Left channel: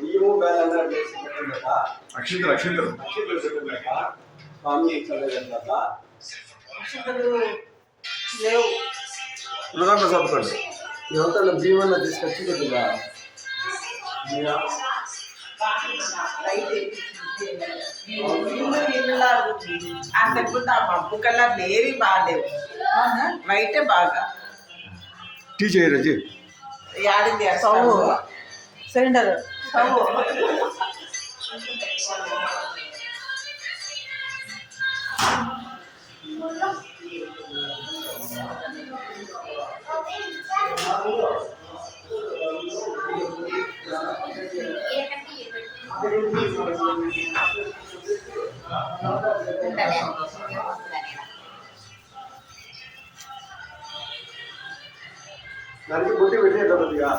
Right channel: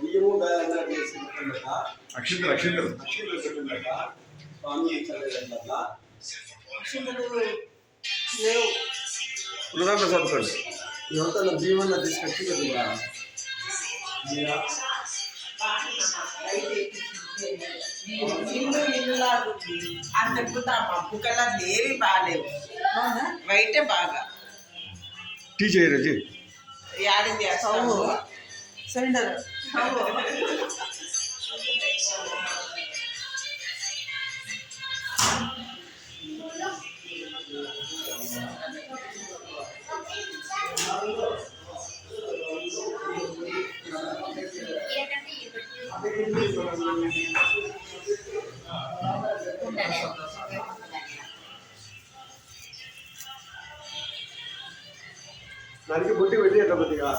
బియ్యము బేలంతా చేసి పెట్టిందట. అక్షింతలు అక్షింతలు అక్షింతలు పెట్టిందట. స్వామి చదివేదట. అక్షింతలు లేవు. ఉన్నదాంట్లో చదువుకోండి. ఎవరితో బియ్యం అన్న తీసుకొచ్చి కొద్దిగా అంతకుముందు ఆ మబ్బు కలర్లు ఏవి బాగాలేవు, వైటే బాగా. టీ చేయరు జీ యాడింది స్టవ్ సిలిండర్ దానికి బుట్టి పెట్టేట కొద్దిగా